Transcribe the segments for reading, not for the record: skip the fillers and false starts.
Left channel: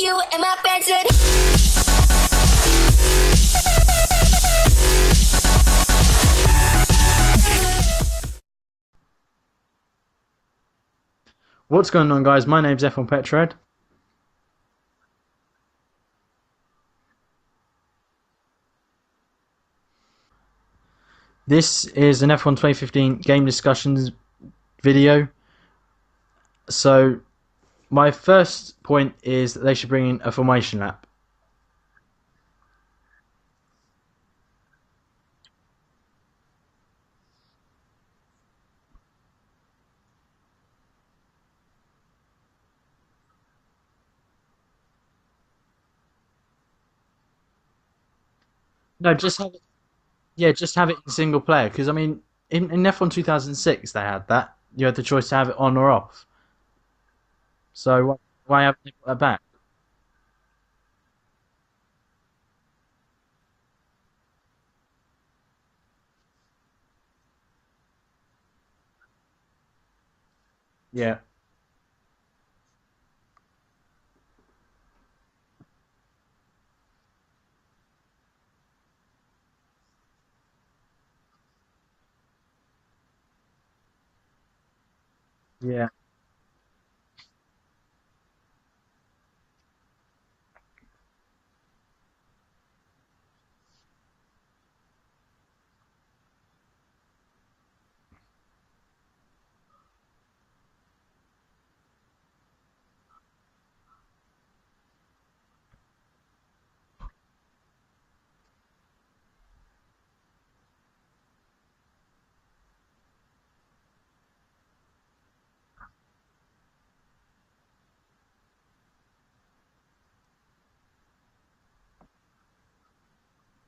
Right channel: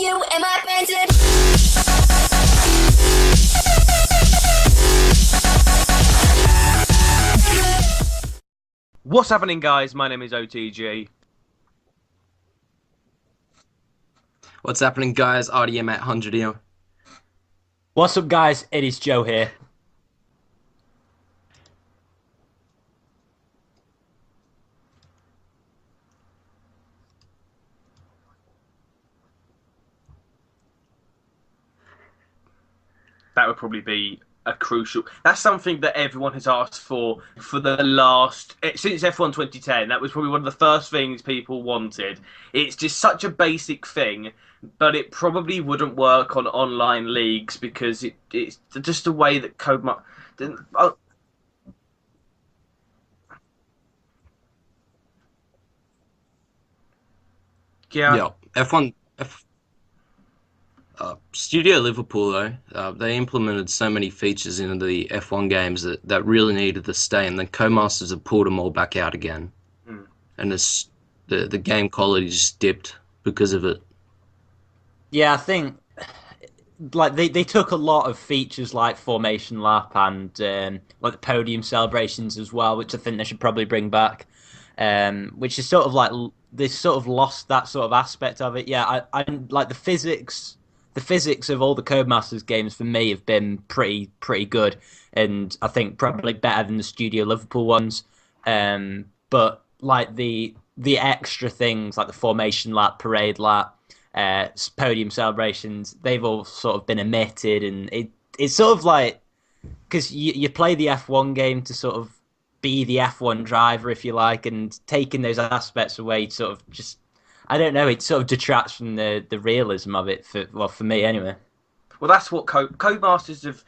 You and my friends. What's happening, guys? My name is OTG. What's going on, guys? My name's F1 Petrad. What's happening, guys? RDM800 here. What's up, guys? It is Joe here. This is an F1 2015 game discussions video. So, my first point is that they should bring in a formation lap. That would probably be a crucial. That's something that everyone has asked for the last since F1 2010. That was probably one of the first things people wanted. It's just such a basic thing, but it probably wouldn't work on online leagues because it's just the way that code. Yeah, just have it in single player. Because I mean, in F1 2006 they had that. You had the choice to have it on or off. So Yeah. why F1 have that back? Studio Liverpool, though, they implemented so many features into the F1 games that really needed to stay, and then Codemasters have pulled them all back out again. And the game quality just dipped because of it. Yeah, I think like they took a lot of features like formation lap and like the podium celebrations as well, which I think they should probably bring back. Which is sort of like they sort of lost that sort of aspect of it. Yeah, I like the physics. The physics of all the Codemasters games for me have been pretty good, and I think probably better than the Studio Liverpool ones. But like the extra things like the formation lap, parade lap, podium celebrations, they've all sort of been omitted, and it's sort of like because you play the F1 game to sort of be the F1 driver, if you like, and taking those aspects away sort of just. I don't know. It sort of detracts from the realism of it. For me anyway. Well, that's what Codemasters have.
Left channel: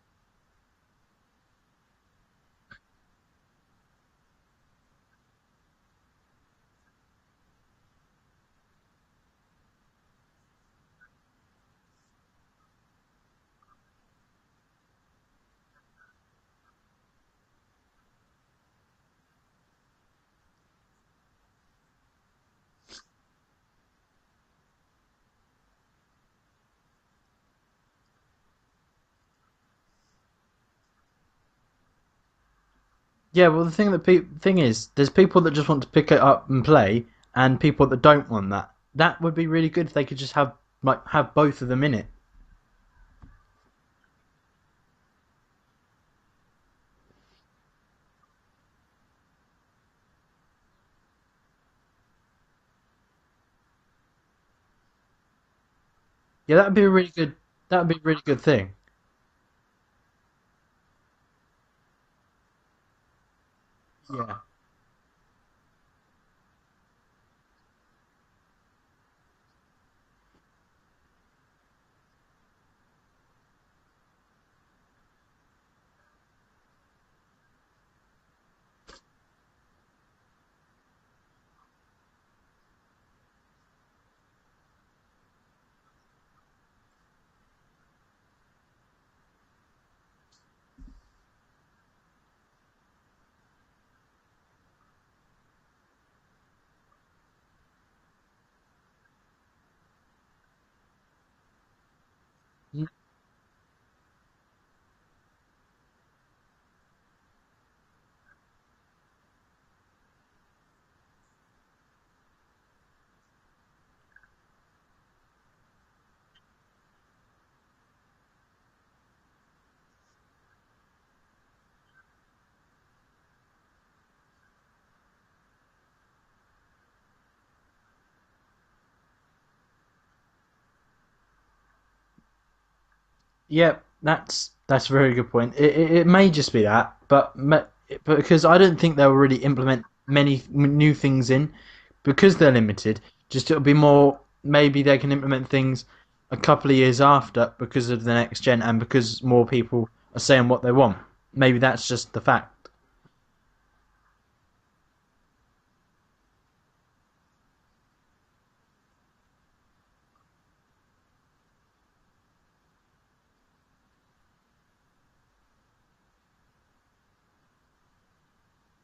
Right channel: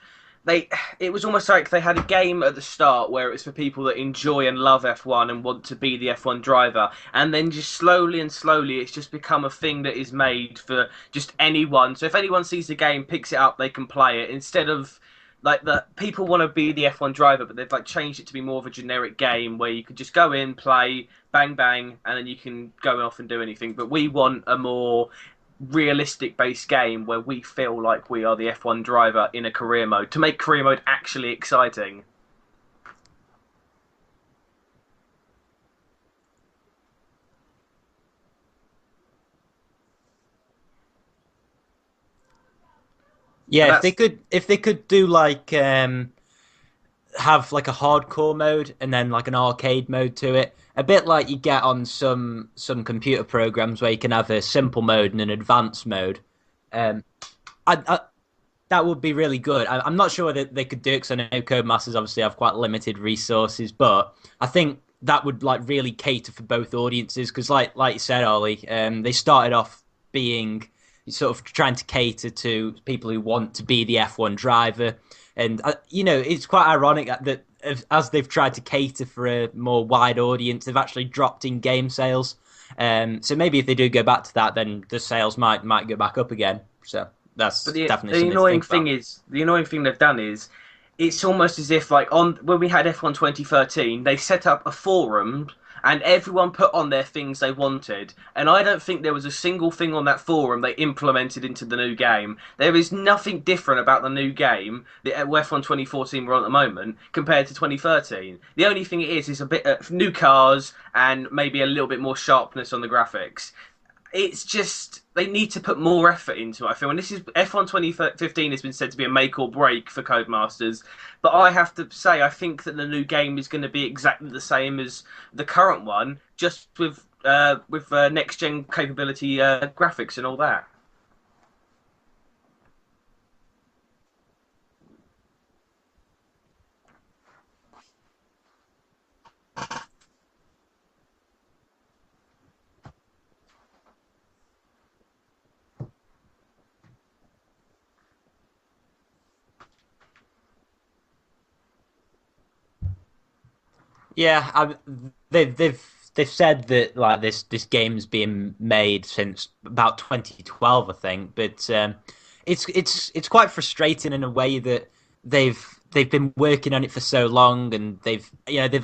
It was almost like they had a game at the start where it was for people that enjoy and love F1 and want to be the F1 driver, and then just slowly it's just become a thing that is made for just anyone. So if anyone sees the game, picks it up, they can play it instead of. Like the people want to be the F1 driver, but they've like changed it to be more of a generic game where you could just go in, play, bang bang, and then you can go off and do anything. But we want a more realistic based game where we feel like we are the F1 driver in a career mode to make career mode actually exciting. Yeah, well, the thing is, there's people that just want to pick it up and play, and people that don't want that. That would be really good if they could just have both of them in it. Yeah, if they could do like have like a hardcore mode and then like an arcade mode to it, a bit like you get on some computer programs where you can have a simple mode and an advanced mode. Yeah, that'd be a really good. That'd be a really good thing. That would be really good. I'm not sure that they could do it because I know Codemasters obviously have quite limited resources, but I think that would like really cater for both audiences because, like you said, Ollie, they started off being sort of trying to cater to people who want to be the F1 driver. And, it's quite ironic that as they've tried to cater for a more wide audience, they've actually dropped in game sales. So maybe if they do go back to that, then the sales might go back up again. So that's definitely the annoying something thing is the annoying thing they've done is it's almost as if like when we had F1 2013, they set up a forum and everyone put on their things they wanted. And I don't think there was a single thing on that forum they implemented into the new game. There is nothing different about the new game, the F1 2014 we're on at the moment, compared to 2013. The only thing it is a bit of new cars and maybe a little bit more sharpness on the graphics. It's just they need to put more effort into it, I feel. And this is F1 2015 has been said to be a make or break for Codemasters, but I have to say I think that the new game is going to be exactly the same as the current one, just with next gen capability graphics and all that. Yeah, that's a very good point. It may just be that, but because I don't think they'll really implement many new things in because they're limited. Just it'll be more. Maybe they can implement things a couple of years after because of the next gen and because more people are saying what they want. Maybe that's just the fact. Yeah, they've said that like this game's been made since about 2012, I think. But it's quite frustrating in a way that they've they've been working on it for so long, and they've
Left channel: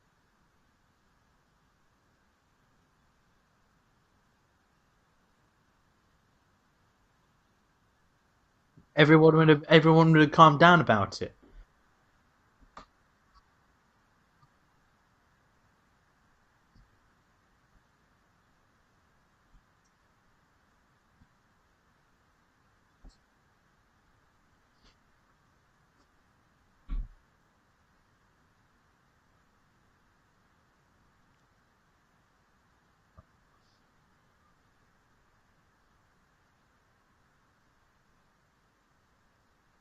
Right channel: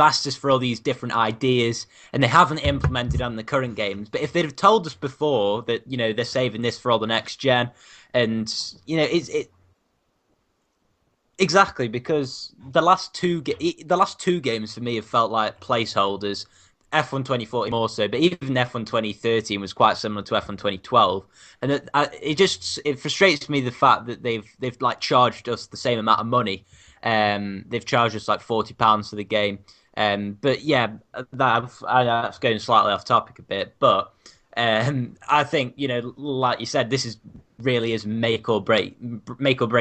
asked us for all these different ideas, and they haven't implemented on the current games. But if they'd have told us before that they're saving this for all the next gen, and everyone would have calmed down about it. Exactly, because the last two games for me have felt like placeholders. F1 2014 more so, but even F1 2013 was quite similar to F1 2012, and it frustrates me the fact that they've like charged us the same amount of money. They've charged us like £40 for the game. But yeah, that's going slightly off topic a bit, but I think like you said, this really is make or break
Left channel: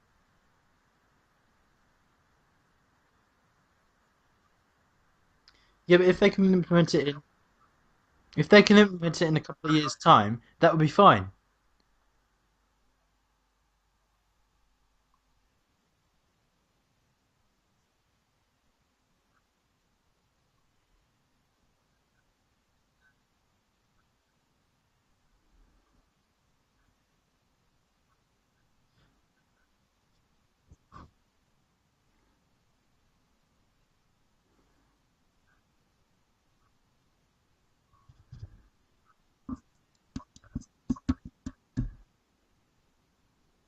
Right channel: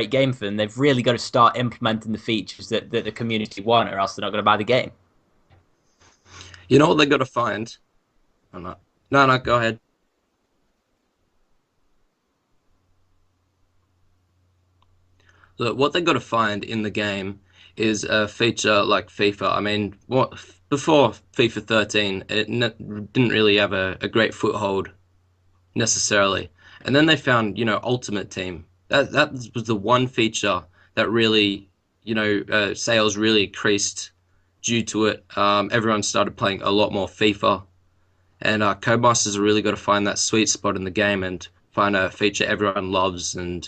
game for them. They've really got to start implementing the features that the community want, or else they're not going to buy the game. Yeah, but if they can, you know what they got to find. If they can implement it in a year's time, that would be fine. Look, what they got to find in the game is a feature like FIFA. I mean, before FIFA 13, it didn't really have a great foothold necessarily, and then they found Ultimate Team. That was the one feature that really sales really increased. Due to it, everyone started playing a lot more FIFA, and Codemasters have really got to find that sweet spot in the game and find a feature everyone loves and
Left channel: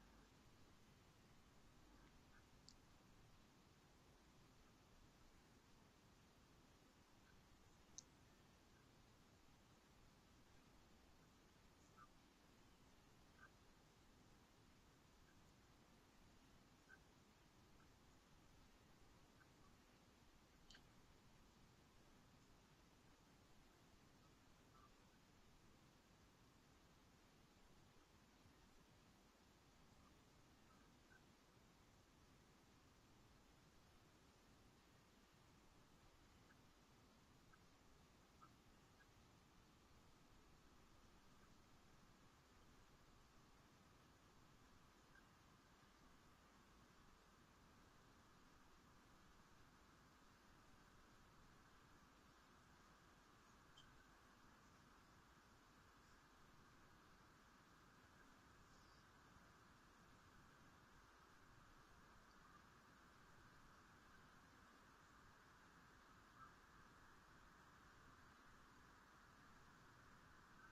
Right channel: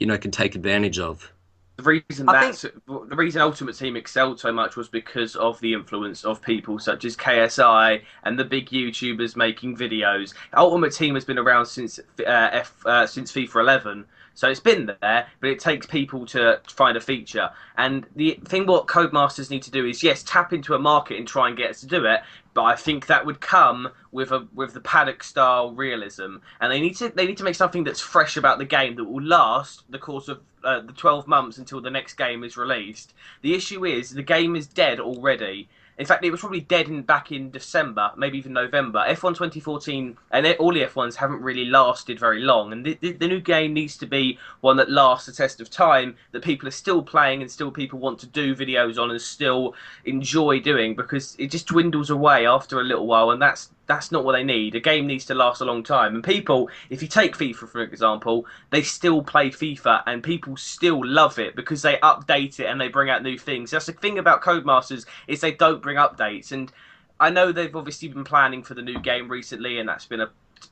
can take advantage of. The reason Ultimate Team excelled so much was because of the influence of people such as KSI and the big YouTubers making videos. Ultimate Team has been around since FIFA 11. So it's been there, but it takes people to find a feature. And the thing what Codemasters need to do is, yes, tap into a market and try and get us to do it, but I think that would come with the paddock style realism. And they need to make something that's fresh about the game that will last the course of the 12 months until the next game is released. The issue is the game is dead already. In fact, it was probably dead back in December, maybe even November. F1 2014 and all the F1s haven't really lasted very long. And the new game needs to be one that lasts the test of time, that people are still playing and still people want to do videos on and still enjoy doing, because it just dwindles away after a little while, and that's not what they need. A game needs to last a long time. And people, if you take FIFA for example, they still play FIFA and people still love it because they update it and they bring out new things. That's the thing about Codemasters, is they don't bring updates. And I know they've obviously been planning for the new game recently, and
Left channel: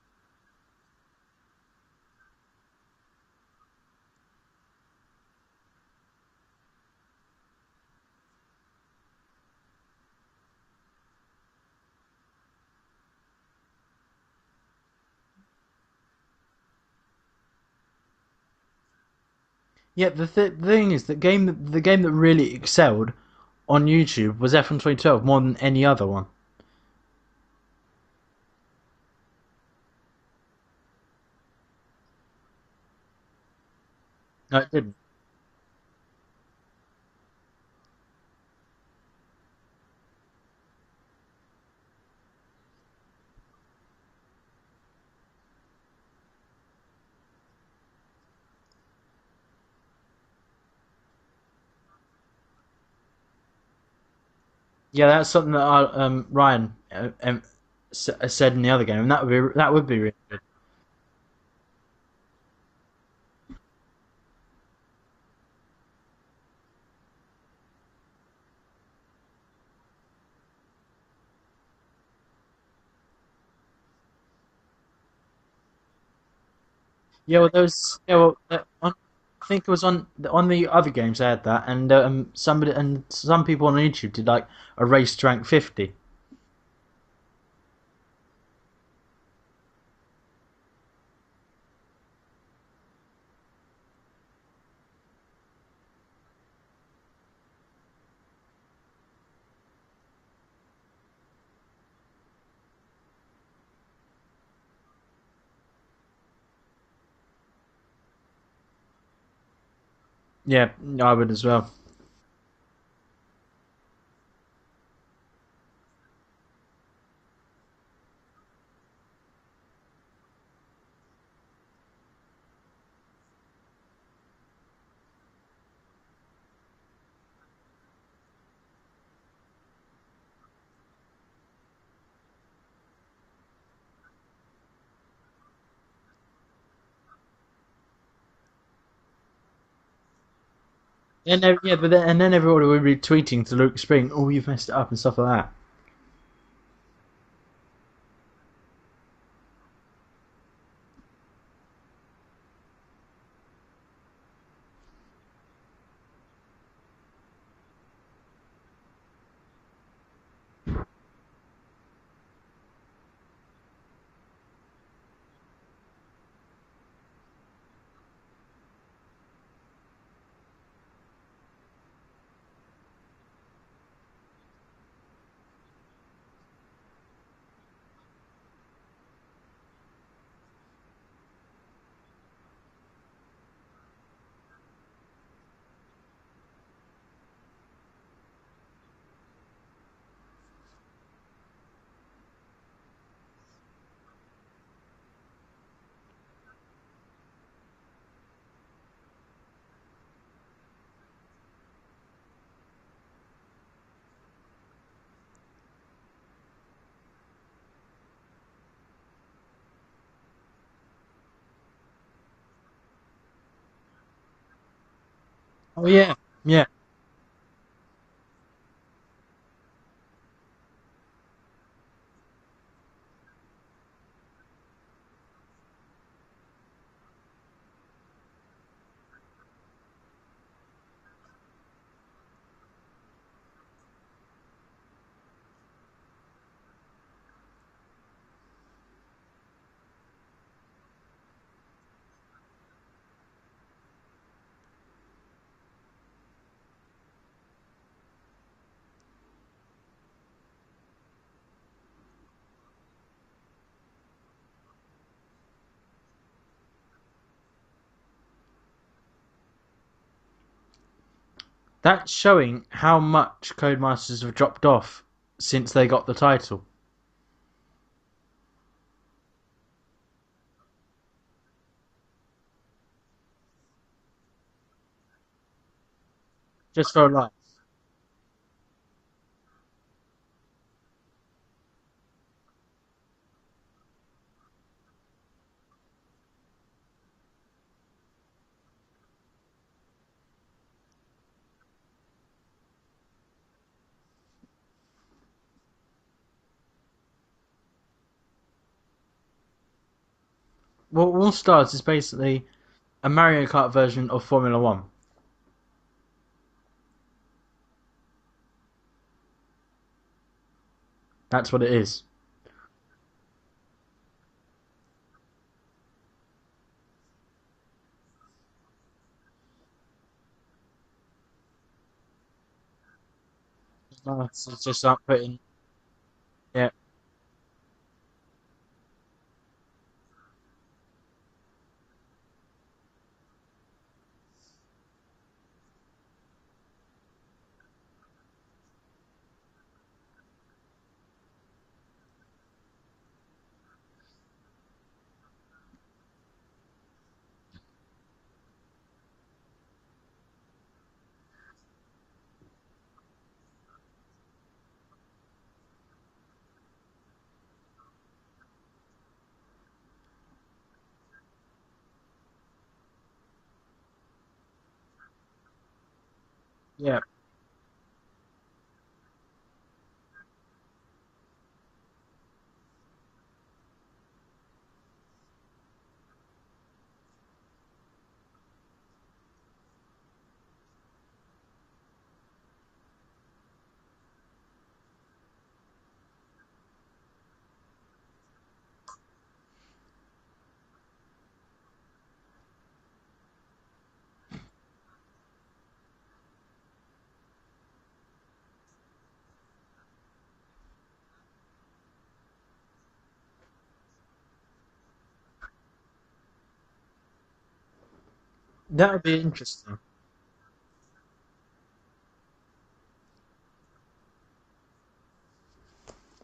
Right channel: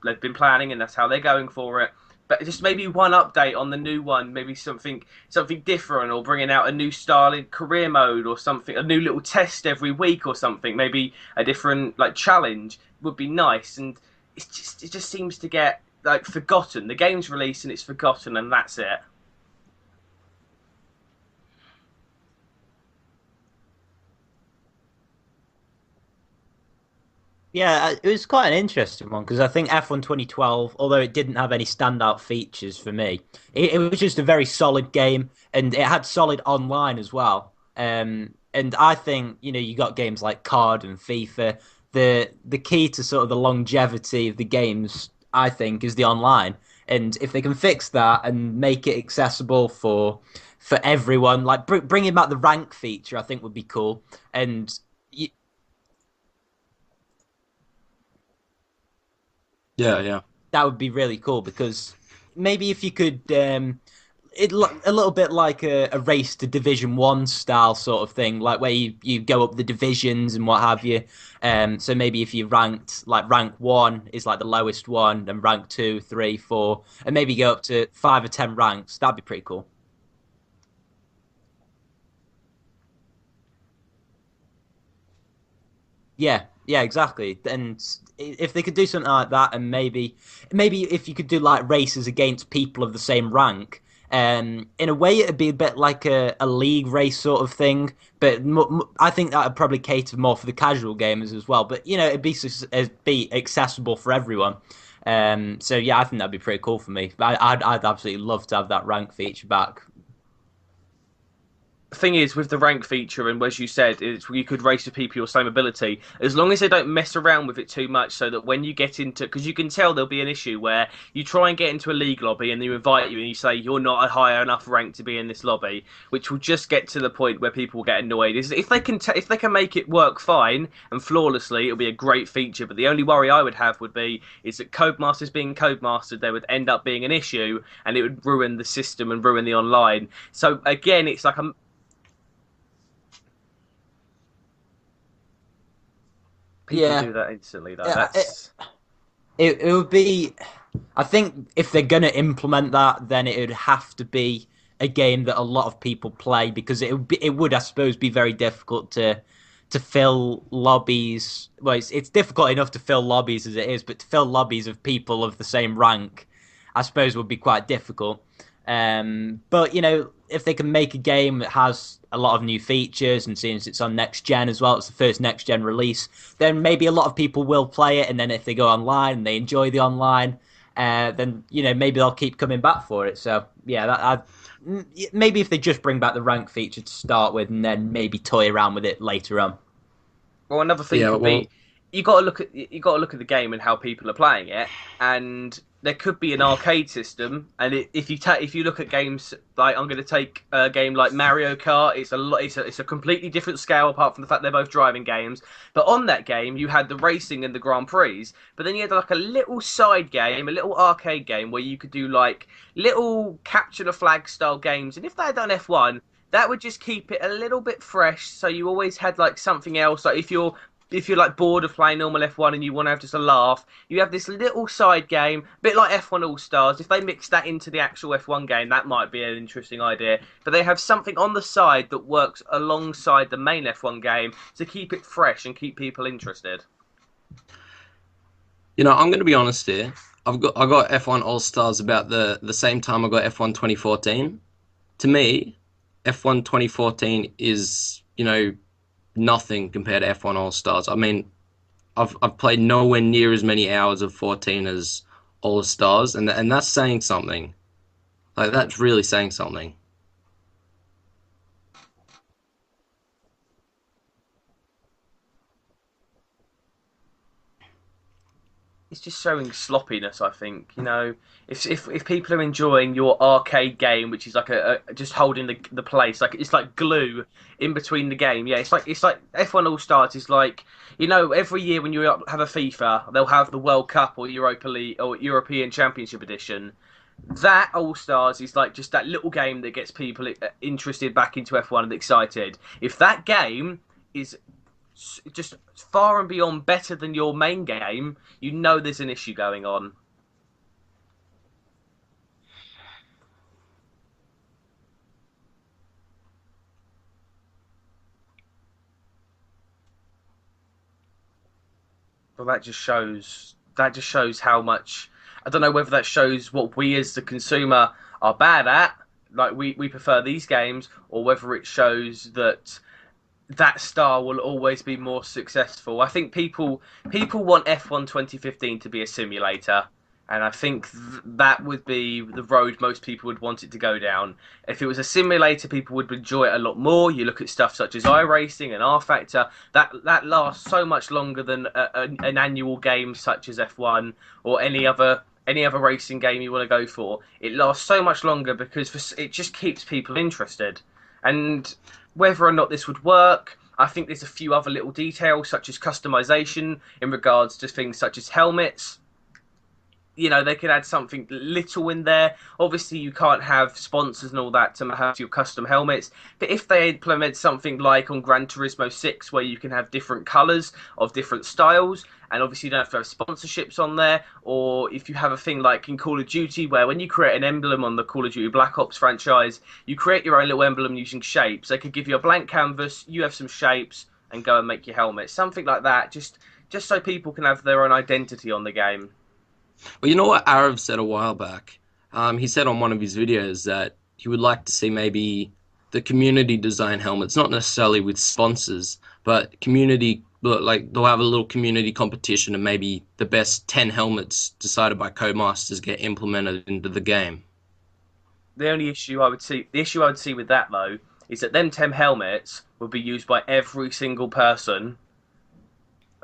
they've been planning and that's how they're going for it. But just maybe one update on the new one, maybe something different, or bringing out a new style in career mode or something, a new little test every week or something, maybe a different challenge would be nice. And it just seems to get forgotten. The game's released and it's forgotten, and that's it. Yeah, the thing is, the game that really excelled on YouTube was F1 2012 more than any other one. Yeah, it was quite an interesting one, because I think F1 2012, although it didn't have any standout features for me, it was just a very solid game, and it had solid online as well. And I think you got games like COD and FIFA. The key to sort of the longevity of the games, I think, is the online. And if they can fix that and make it accessible for everyone, like bringing back the rank feature, I think would be cool. And yeah, that's something that Ryan said in the other game, and that would be really cool, because maybe if you could a little bit like a race to Division 1 style sort of thing, like where you go up the divisions and what have you. So maybe if you ranked, rank 1 is the lowest one, and rank 2, 3, 4, and maybe go up to 5 or 10 ranks. That'd be pretty cool. I think it was on the other games they had that, and some people on YouTube did a race to rank 50. Yeah, exactly. And if they could do something like that, and maybe if you could do races against people of the same rank. In a way, it'd be a bit like a league race sort of thing, but I think that would probably cater more for the casual gamers as well. But it'd be accessible for everyone. So yeah, I think that'd be pretty cool for me. I'd absolutely love to have that rank feature back. Yeah, I would as well. The thing is, with the rank feature, and as you said, you could race with people your same ability, as long as they don't mess around with it too much, so that when you get into, because you can tell there'll be an issue where you try and get into a league lobby and they invite you and you say you're not a high enough rank to be in this lobby, which will just get to the point where people will get annoyed. Is if they can make it work fine and flawlessly, it'll be a great feature. But the only worry I would have is that Codemasters being Codemasters, there would end up being an issue, and it would ruin the system and ruin the online. So again, it's but then everybody would be tweeting to Luke Spring, "Oh, you've messed it up" and stuff like that. People do that instantly, though. It would be. I think if they're gonna implement that, then it would have to be a game that a lot of people play, because it would, I suppose, be very difficult to fill lobbies. Well, it's difficult enough to fill lobbies as it is, but to fill lobbies of people of the same rank, I suppose, would be quite difficult. But if they can make a game that has a lot of new features, and since it's on next gen as well, it's the first next gen release, then maybe a lot of people will play it. And then if they go online and they enjoy the online, then maybe they'll keep coming back for it. So yeah, maybe if they just bring back the rank feature to start with, and then maybe toy around with it later on. Well, another thing could be you got to look at the game and how people are playing it, and there could be an arcade system. And if you look at games like, I'm going to take a game like Mario Kart, it's a completely different scale apart from the fact they're both driving games. But on that game, you had the racing and the Grand Prix, but then you had like a little side game, a little arcade game where you could do like little capture the flag style games. And if they had done F1, that would just keep it a little bit fresh. So you always had like something else. Like if you're like bored of playing normal F1 and you want to have just a laugh, you have this little side game, a bit like F1 All-Stars. If they mix that into the actual F1 game, that might be an interesting idea. But they have something on the side that works alongside the main F1 game to keep it fresh and keep people interested. I'm going to be honest here. I got F1 All-Stars about the same time I got F1 2014. To me, F1 2014 is, nothing compared to F1 All-Stars. I mean, I've played nowhere near as many hours of 14 as All-Stars, and that's saying something. Like, that's really saying something. That's showing how much Codemasters have dropped off since they got the title. It's just showing sloppiness, I think. If people are enjoying your arcade game, which is like just holding the place, like it's like glue in between the game. Yeah, it's like F1 All Stars is like, every year when you have a FIFA, they'll have the World Cup or Europa League or European Championship Edition. That All Stars is like just that little game that gets people interested back into F1 and excited. If that game is just far and beyond better than your main game, there's an issue going on. Well, All Stars is basically a Mario Kart version of Formula 1. That's what it is. Well, that just shows how much. I don't know whether that shows what we as the consumer are bad at, like we prefer these games, or whether it shows that star will always be more successful. I think people want F1 2015 to be a simulator, and I think that would be the road most people would want it to go down. If it was a simulator, people would enjoy it a lot more. You look at stuff such as iRacing and R Factor, that lasts so much longer than an annual game such as F1 or any other racing game you want to go for. It lasts so much longer because it just keeps people interested. And whether or not this would work, I think there's a few other little details, such as customization in regards to things such as helmets. They could add something little in there. Obviously, you can't have sponsors and all that to have your custom helmets. But if they implement something like on Gran Turismo 6, where you can have different colours of different styles, and obviously you don't have to have sponsorships on there, or if you have a thing like in Call of Duty, where when you create an emblem on the Call of Duty Black Ops franchise, you create your own little emblem using shapes. They could give you a blank canvas, you have some shapes, and go and make your helmet. Something like that, just so people can have their own identity on the game. Well, you know what Arav said a while back? He said on one of his videos that he would like to see maybe the community design helmets, not necessarily with sponsors, but community, like they'll have a little community competition and maybe the best 10 helmets decided by Codemasters get implemented into the game. The only issue I would see with that, though, is that them 10 helmets would be used by every single person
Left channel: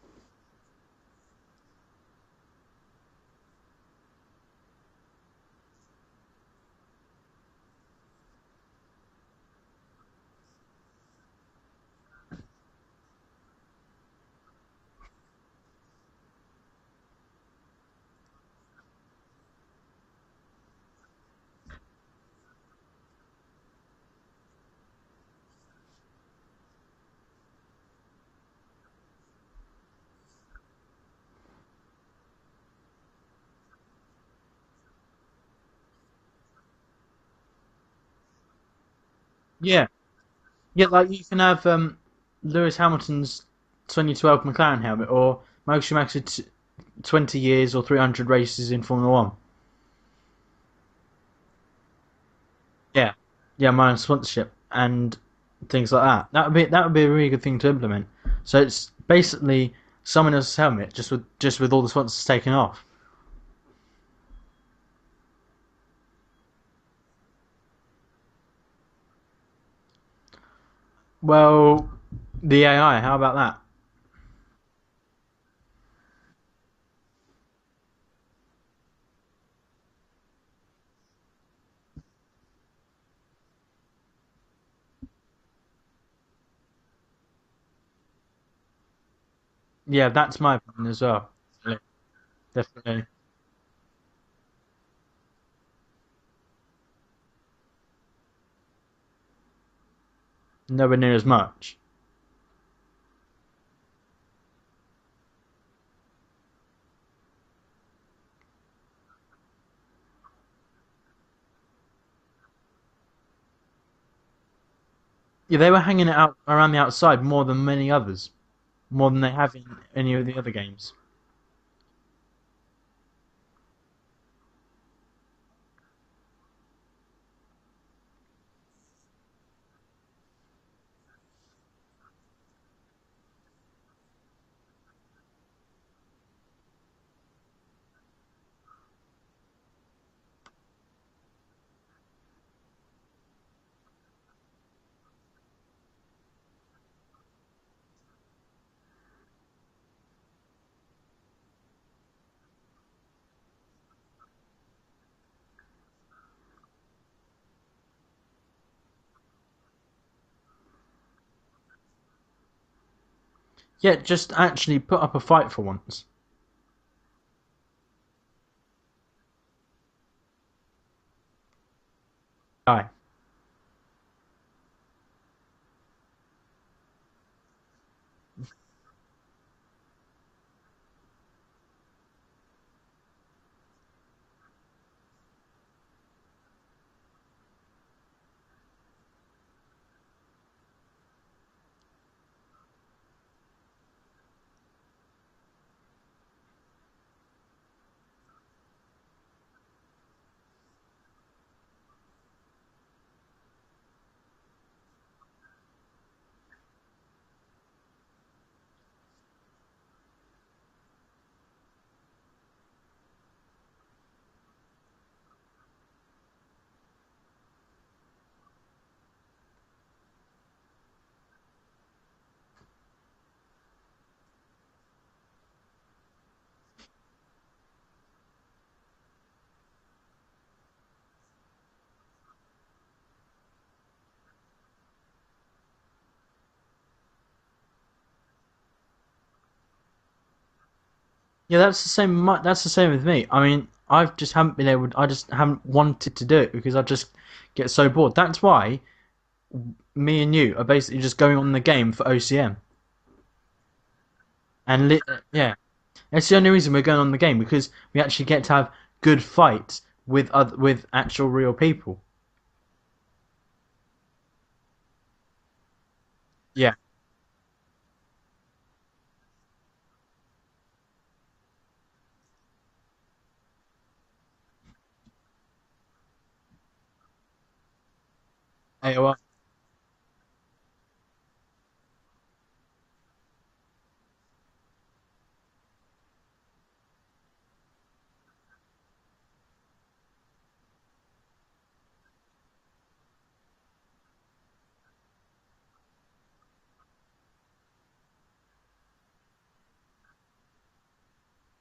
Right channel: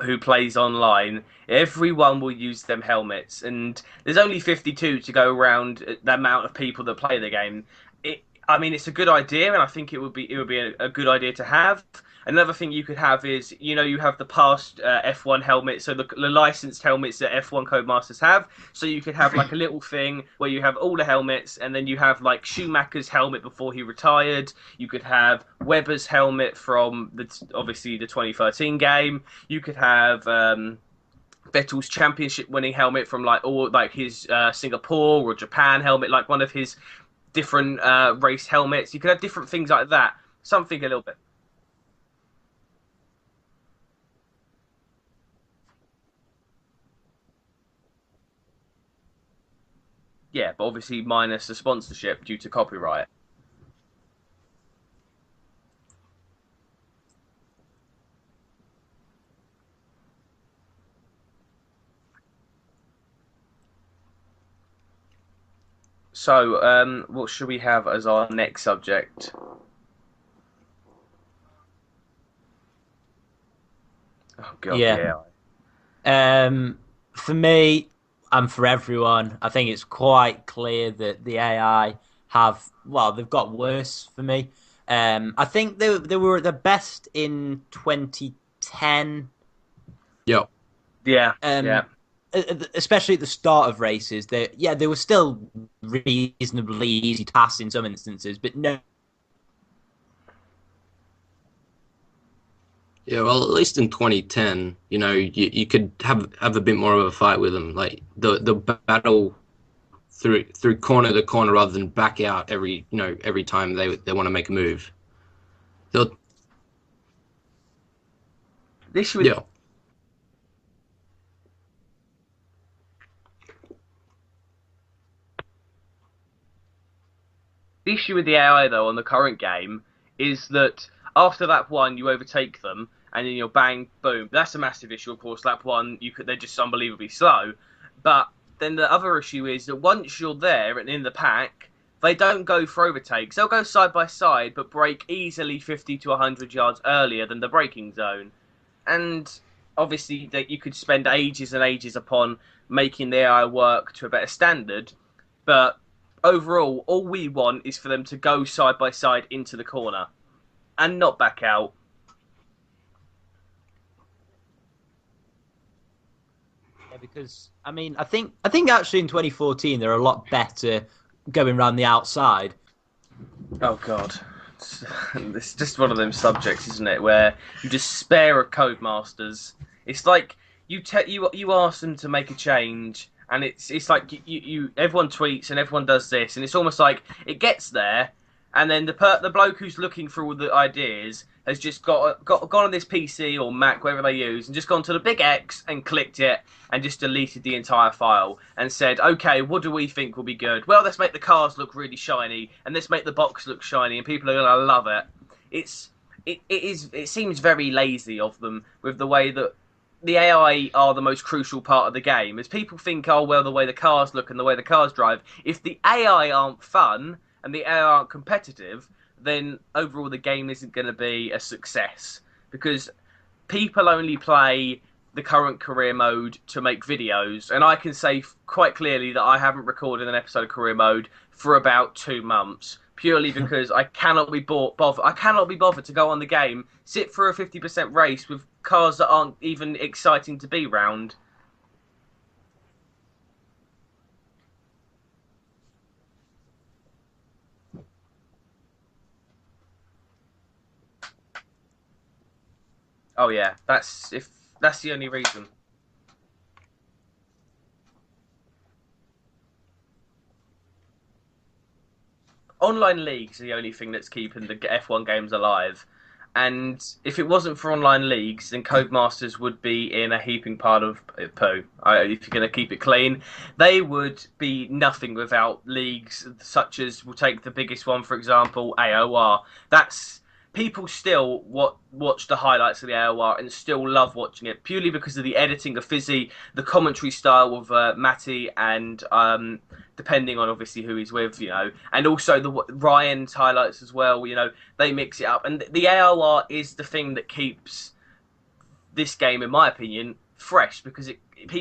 who plays online. Everyone will use them helmets, and there's only 52 to go around the amount of people that play the game. It's a good idea, and I think it would be a good idea to have. Another thing you could have is, you have the past F1 helmets, so the licensed helmets that F1 Codemasters have. So you could have like a little thing where you have all the helmets, and then you have like Schumacher's helmet before he retired. You could have Webber's helmet from obviously the 2013 game. You could have Vettel's championship-winning helmet from his Singapore or Japan helmet, like one of his different race helmets. You could have different things like that. Something. Yeah, like you can have Lewis Hamilton's 2012 McLaren helmet, or Michael Schumacher's 20 years or 300 races in Formula One. Yeah, but obviously minus the sponsorship due to copyright. Yeah, minus sponsorship and things like that. That would be a really good thing to implement. So it's basically someone else's helmet, just with all the sponsors taken off. So, what should we have as our next subject? Well, the AI. How about that? Oh God, Yeah. For me and for everyone, I think it's quite clear that the AI they've got worse for me. I think they were at the best in 2010. Yeah, that's my opinion as well. Yeah. Especially at the start of races, they were still reasonably easy to pass in some instances, but Nowhere near as much. Yeah, well, at least in 2010, you could have a bit more of a fight with them, like the battle through corner to corner rather than back out every time they want to make a move. Yeah, they were hanging it out around the outside more than many others, more than they have in any of the other games. The issue with the AI though on the current game is that after lap one you overtake them, and then you're bang boom. That's a massive issue, of course. Lap one, they're just unbelievably slow. But then the other issue is that once you're there and in the pack, they don't go for overtakes. They'll go side by side, but brake easily 50 to 100 yards earlier than the braking zone. And obviously, that you could spend ages and ages upon making the AI work to a better standard. But overall, all we want is for them to go side by side into the corner and not back out. Yeah, just actually put up a fight for once. Yeah, because I think actually in 2014 they're a lot better going around the outside. Aye. Oh God, it's just one of them subjects, isn't it? Where you despair of Codemasters. It's like you ask them to make a change, and it's like you everyone tweets and everyone does this, and it's almost like it gets there, and then the bloke who's looking for all the ideas has just gone on this PC or Mac, whatever they use, and just gone to the big X and clicked it and just deleted the entire file and said, okay, what do we think will be good? Well, let's make the cars look really shiny, and let's make the box look shiny, and people are going to love it. It seems very lazy of them with the way that the AI are the most crucial part of the game. As people think, oh, well, the way the cars look and the way the cars drive, if the AI aren't fun and the AI aren't competitive, then overall the game isn't going to be a success, because people only play the current career mode to make videos, and I can say quite clearly that I haven't recorded an episode of career mode for about 2 months, purely because I cannot be bothered to go on the game, sit for a 50% race with cars that aren't even exciting to be round. Yeah, that's the same. That's the same with me. I mean, I just haven't been able. I just haven't wanted to do it because I just get so bored. That's why me and you are basically just going on the game for OCM. Oh yeah, that's the only reason. Yeah, that's the only reason we're going on the game, because we actually get to have good fights with actual real people. Online leagues are the only thing that's keeping the F1 games alive. And if it wasn't for online leagues, then Codemasters would be in a heaping pile of poo. If you're going to keep it clean, they would be nothing without leagues such as, we'll take the biggest one, for example, AOR. That's people still watch the highlights of the AOR and still love watching it, purely because of the editing of Fizzy, the commentary style of Matty, and depending on obviously who he's with, and also the Ryan's highlights as well. They mix it up, and the AOR is the thing that keeps this game, in my opinion, fresh, because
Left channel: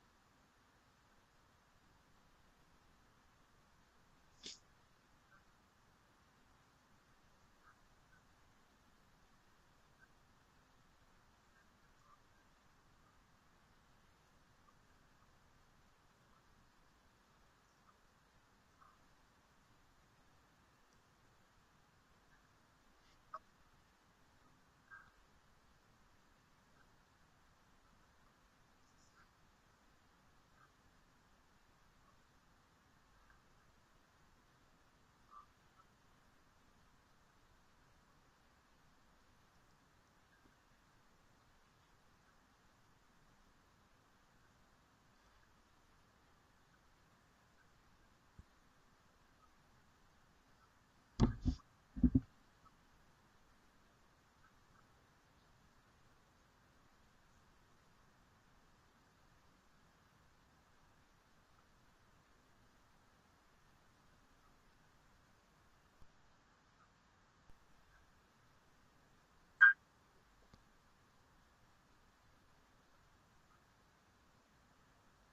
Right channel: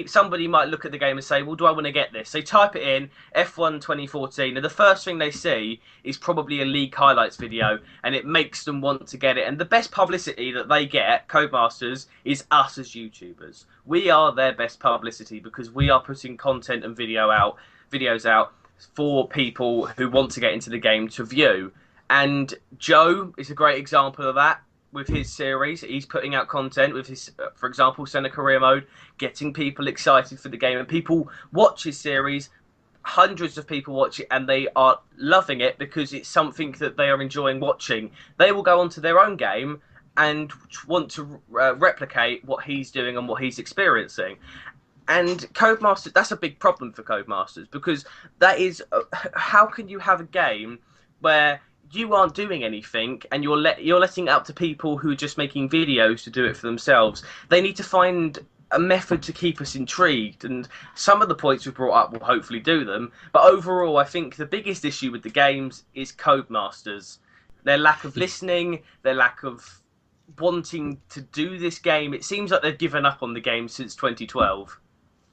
somebody might look at the game and say, well, do I want to get this? They type it in, F1 2014, and the first thing they see is probably a league highlights video, and it makes them want to get it. And the best publicity that they get, Codemasters, is us as YouTubers. We are their best publicity because we are putting content and videos out for people who want to get into the game to view. And Joe is a great example of that. With his series, he's putting out content with his, for example, Senna Career Mode, getting people excited for the game, and people watch his series. Hundreds of people watch it, and they are loving it because it's something that they are enjoying watching. They will go onto their own game and want to replicate what he's doing and what he's experiencing. And Codemasters, that's a big problem for Codemasters, because that is, how can you have a game where you aren't doing anything and you're letting it up to people who are just making videos to do it for themselves? They need to find a method to keep us intrigued, and some of the points we've brought up will hopefully do them. But overall, I think the biggest issue with the games is Codemasters. Their lack of listening, their lack of wanting to do this game. It seems like they've given up on the game since 2012.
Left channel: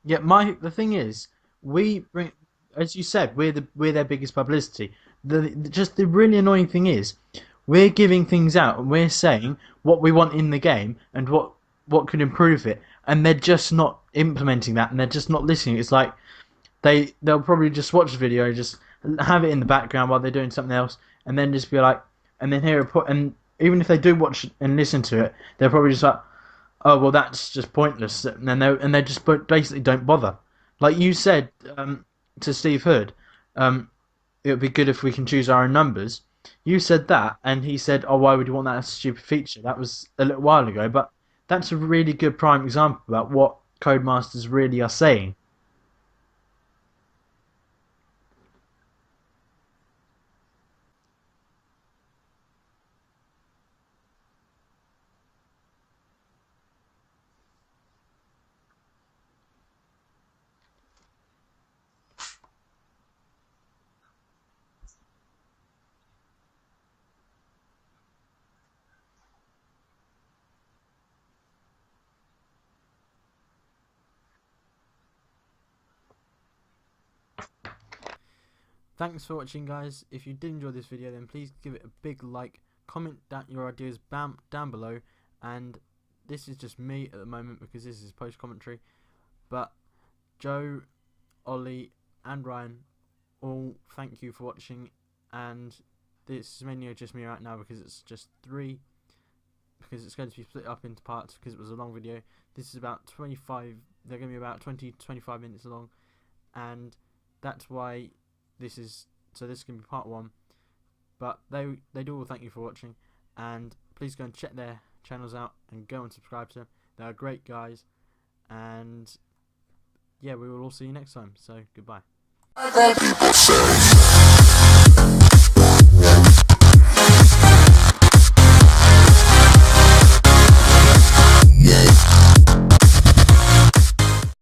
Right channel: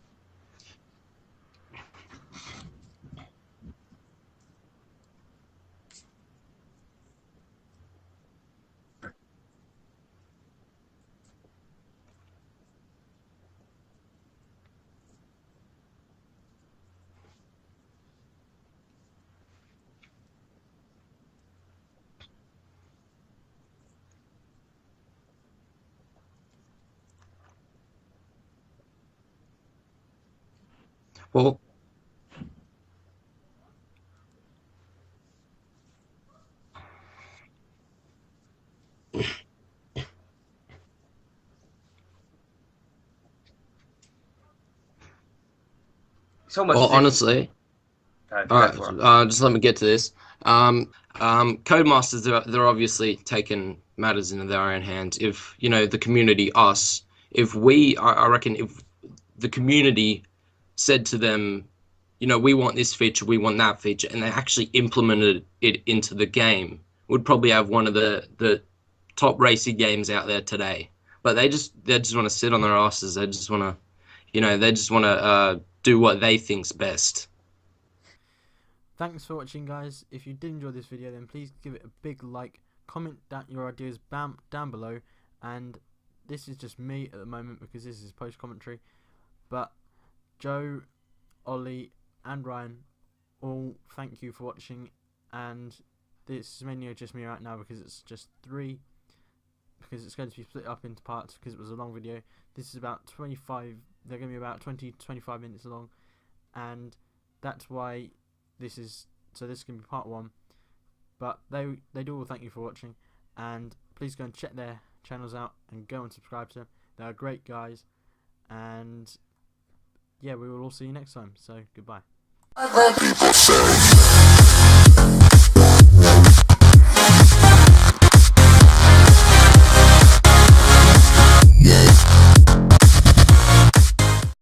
Yeah, the thing is, as you said, we're their biggest publicity. The really annoying thing is, we're giving things out and we're saying what we want in the game and what could improve it, and they're just not implementing that, and they're just not listening. It's like they'll probably just watch the video, just have it in the background while they're doing something else, and then just be like, and then and even if they do watch and listen to it, they're probably just like, oh well, that's just pointless, and they just basically don't bother. Like you said to Steve Hood, it would be good if we can choose our own numbers. You said that, and he said, oh, why would you want that stupid feature? That was a little while ago, but that's a really good prime example about what Codemasters really are saying. It's almost honestly, just let me get to this. Codemasters, they're obviously taking matters into their own hands. If, the community, us, I reckon if the community said to them, we want this feature, we want that feature, and they actually implemented it into the game, would probably have one of the top racing games out there today. But they just want to sit on their asses. They just want to, do what they think's best. Thanks for watching, guys. If you did enjoy this video, then please give it a big like, comment down your ideas down below, and this is just me at the moment because this is post commentary, but Joe, Ollie and Ryan, all thank you for watching, and this is mainly just me right now because it's just because it's going to be split up into parts because it was a long video. This is about 25, they're going to be about 20-25 minutes long, and that's why this is going to be part 1, but they do all thank you for watching, and please go and check their channels out and go and subscribe to them. They are great guys, and yeah, we will all see you next time, so goodbye. Other people say